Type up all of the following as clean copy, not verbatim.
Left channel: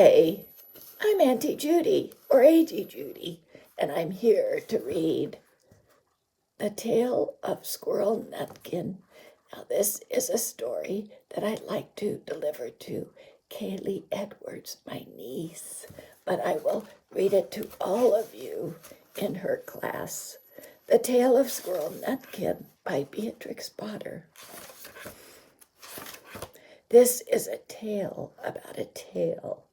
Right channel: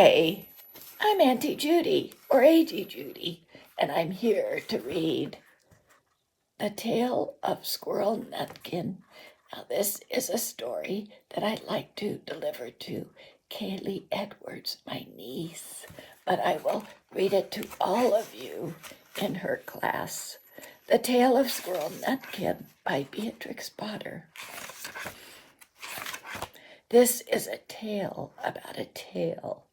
Hi, I'm Auntie Judy, or Auntie Judy, and I'm here to read The Tale of Squirrel Nutkin. Now, this is a story that I'd like to deliver to Kaylee Edwards, my niece, but I will read it to all of you in her class. The Tale of Squirrel Nutkin by Beatrix Potter. This is a tale about a tale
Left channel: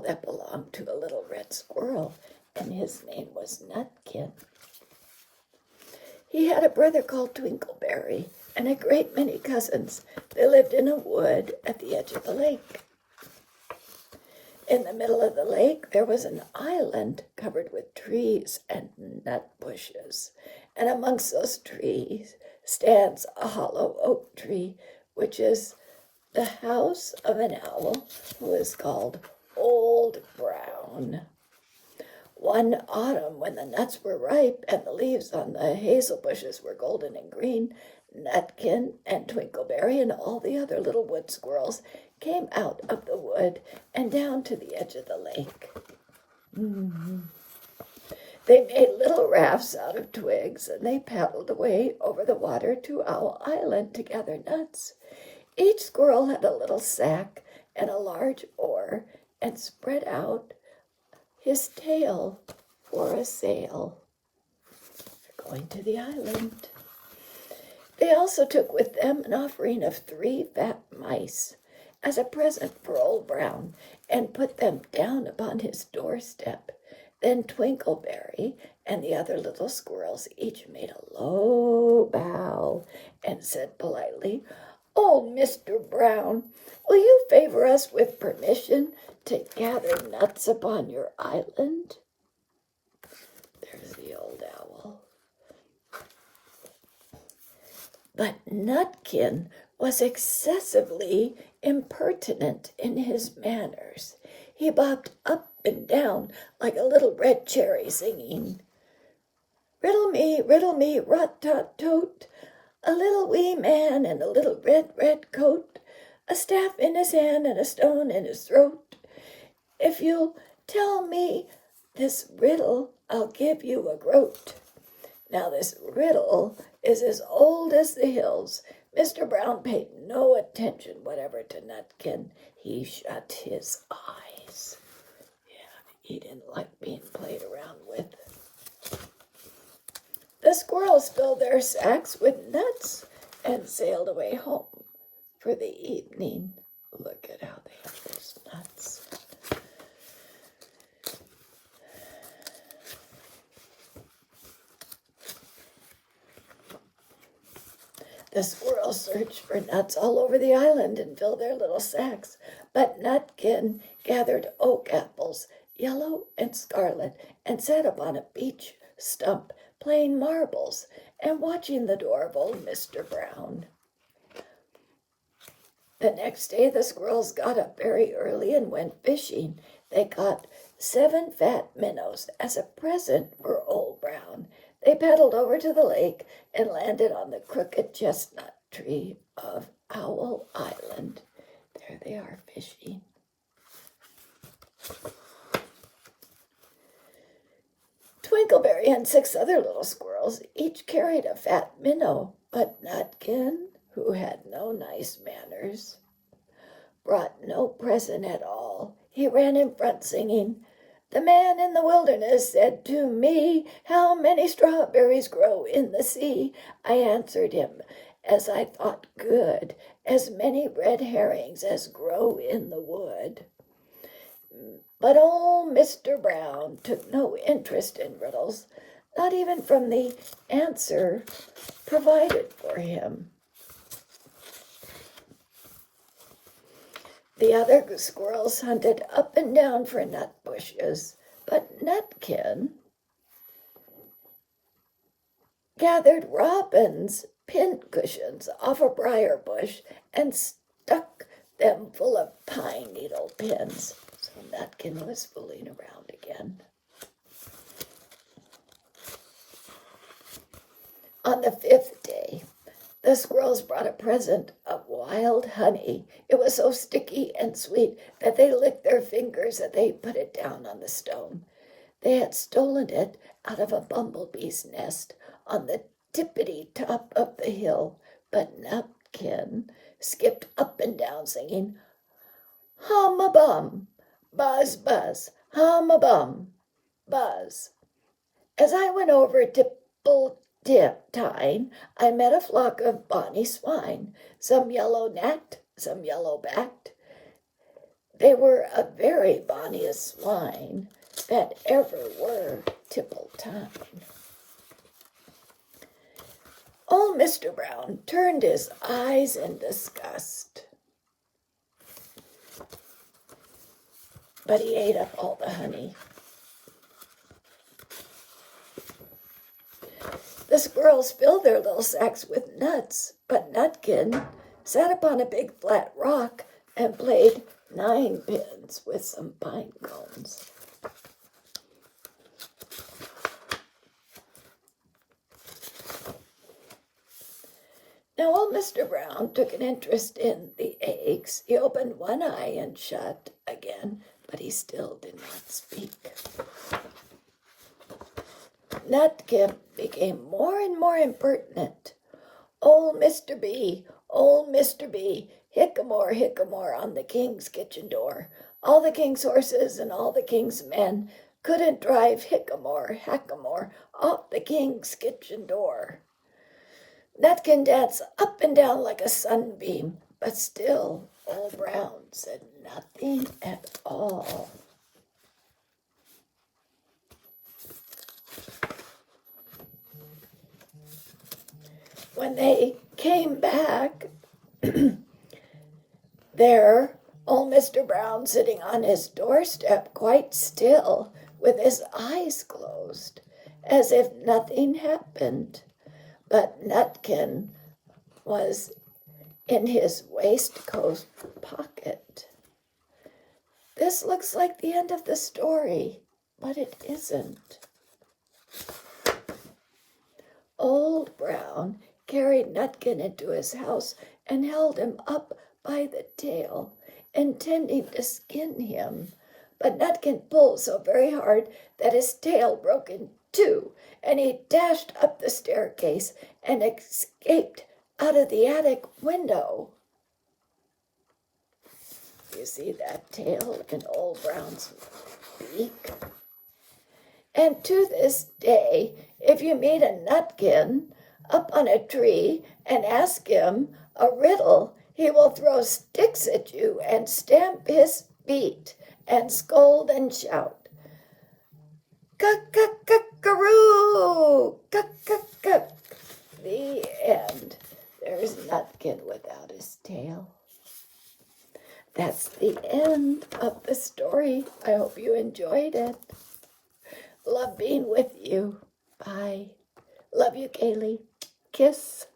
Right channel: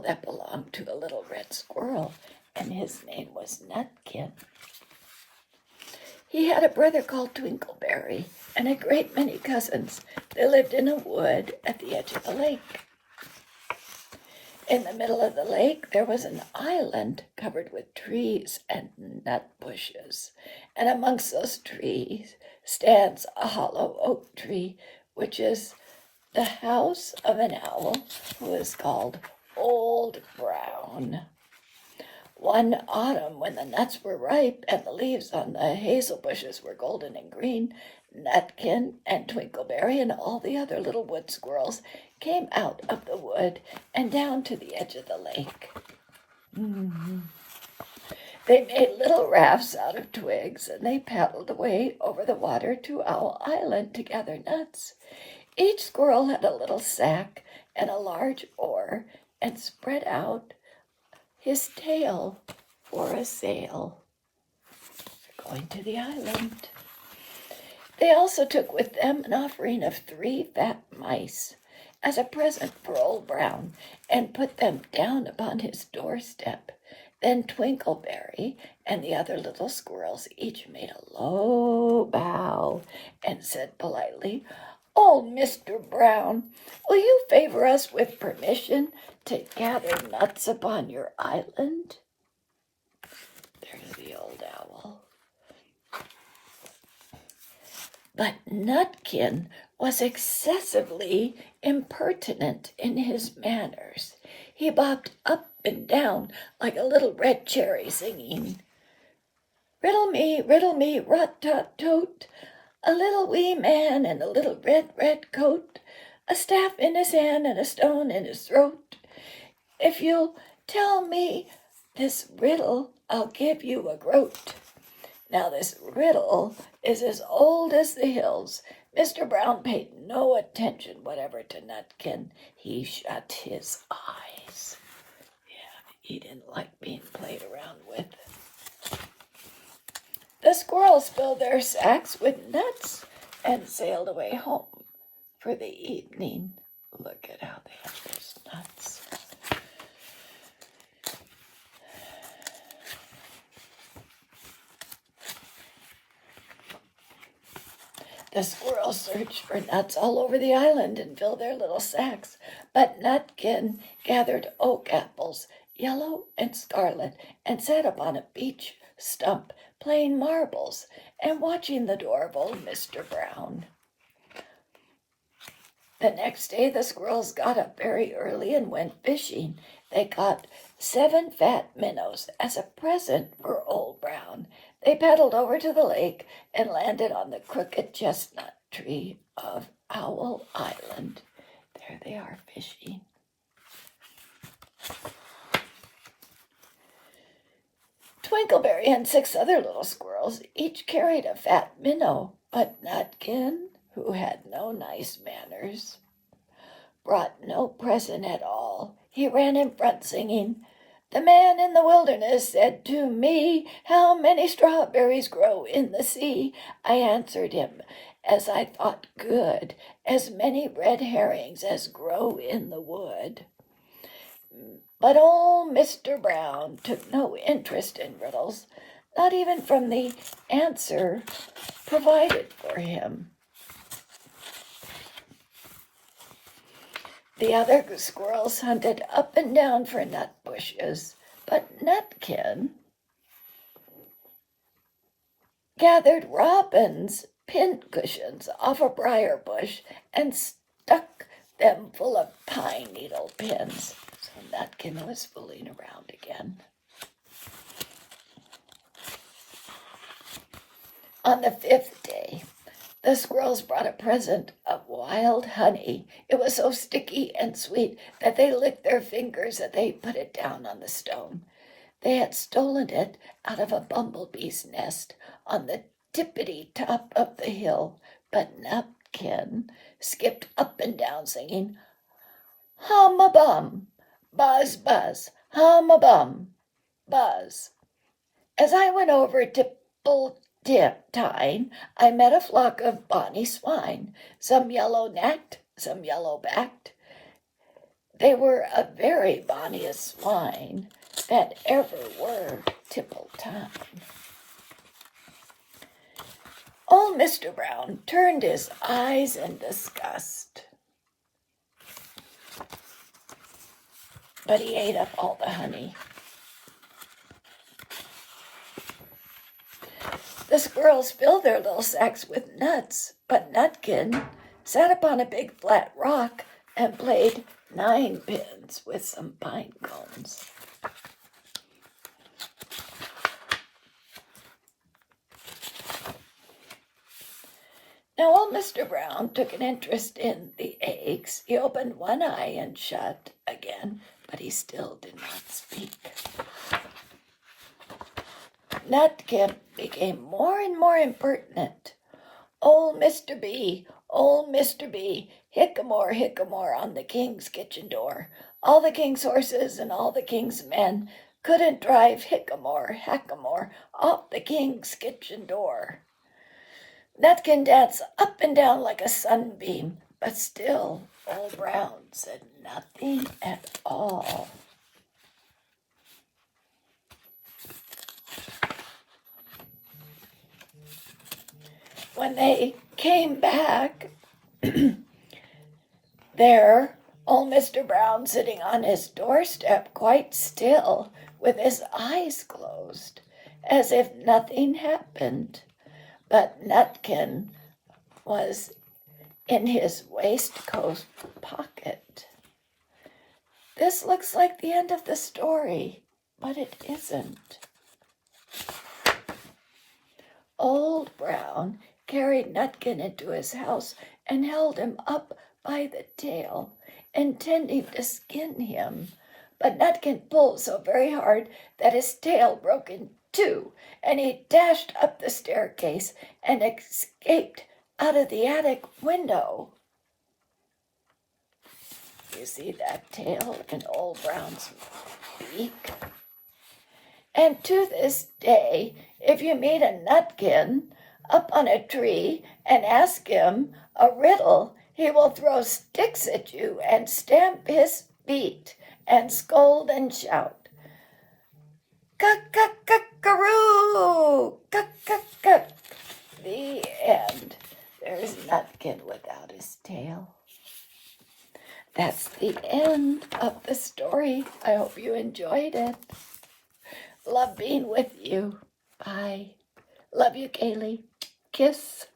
that belonged to a little red squirrel, and his name was Nutkin. He had a brother called Twinkleberry and a great many cousins. They lived in a wood at the edge of the lake. In the middle of the lake, there was an island covered with trees and nut bushes, and amongst those trees stands a hollow oak tree, which is the house of an owl who is called Old Brown. One autumn, when the nuts were ripe and the leaves on the hazel bushes were golden and green, Nutkin and Twinkleberry and all the other little wood squirrels came out of the wood and down to the edge of the lake. They made little rafts out of twigs, and they paddled away over the water to Owl Island to gather nuts. Each squirrel had a little sack and a large oar and spread out his tail for a sail. They're going to the island. They also took with them an offering of 3 fat mice as a present for Old Brown and put them down upon his doorstep. Then Twinkleberry and the other little squirrels each made a low bow and said politely, "Oh, Mr. Brown, will you favor us with permission to gather nuts upon your island?" There's the old owl. But Nutkin was excessively impertinent in his manners. He bobbed up and down like a little red cherry, singing, riddle me, rot-tot-tote, a little wee man in a little red coat, a staff in his hand and a stone in his throat. If you'll tell me this riddle, I'll give you a groat. Now this riddle is as old as the hills. Mr. Brown paid no attention whatever to Nutkin. He shut his eyes. Yeah, he didn't like being played around with. The squirrels filled their sacks with nuts and sailed away home for the evening. Look at how they have those nuts. The squirrels searched for nuts all over the island and filled their little sacks, but Nutkin gathered oak apples, yellow and scarlet, and sat upon a beech stump playing marbles and watching the door of old Mr. Brown. The next day the squirrels got up very early and went fishing. They caught 7 fat minnows as a present for Old Brown. They paddled over to the lake and landed on the crooked chestnut tree of Owl Island. There they are fishing. Twinkleberry and 6 other little squirrels each carried a fat minnow, but Nutkin, who had no nice manners, brought no present at all. He ran in front singing, "The man in the wilderness said to me, 'How many strawberries grow in the sea?' I answered him, as I thought good, 'As many red herrings as grow in the wood.'" But old Mr. Brown took no interest in riddles, not even from the answer provided for him. The other squirrels hunted up and down for nut bushes, but Nutkin gathered robins' pincushions off a briar bush and stuck them full of pine needle pins. So Nutkin was fooling around again. On the 5th day, The squirrels brought a present of wild honey. It was so sticky and sweet that they licked their fingers as they put it down on the stone. They had stolen it out of a bumblebee's nest on the tippity top of the hill, but Nutkin skipped up and down singing, hum a bum, buzz, buzz, hum a bum, buzz. As I went over tipple-tine, I met a flock of bonny swine, some yellow-necked, some yellow-backed. They were a very bonniest swine that ever were tipple-tine. Old Mr. Brown turned his eyes in disgust, but he ate up all the honey. The squirrels filled their little sacks with nuts, but Nutkin sat upon a big flat rock and played ninepins with some pine cones. Now old Mr. Brown took an interest in the eggs. He opened one eye and shut again, but he still did not speak. Nutkin became more and more impertinent. Old Mr. B, hickamore, hickamore on the king's kitchen door. All the king's horses and all the king's men couldn't drive hickamore, hackamore off the king's kitchen door. Nutkin danced up and down like a sunbeam, but still Old Brown said nothing at all. When they came back, there, old Mr. Brown sitting on his doorstep quite still with his eyes closed, as if nothing happened. But Nutkin was in his waistcoat pocket. This looks like the end of the story, but it isn't. Old Brown carried Nutkin into his house and held him up by the tail, intending to skin him. But Nutkin pulled so very hard that his tail broke in two, and he dashed up the staircase and escaped out of the attic window. You see that tail in Old Brown's beak? And to this day, if you meet a Nutkin up on a tree and ask him a riddle, he will throw sticks at you and stamp his feet and scold and shout, "Cuck-cuck-cuck-a-roo! Cuck-cuck-cuck!" The end. There's Nutkin without his tail. That's the end of the story. I hope you enjoyed it. Love being with you. Bye. Love you, Kaylee. Kiss.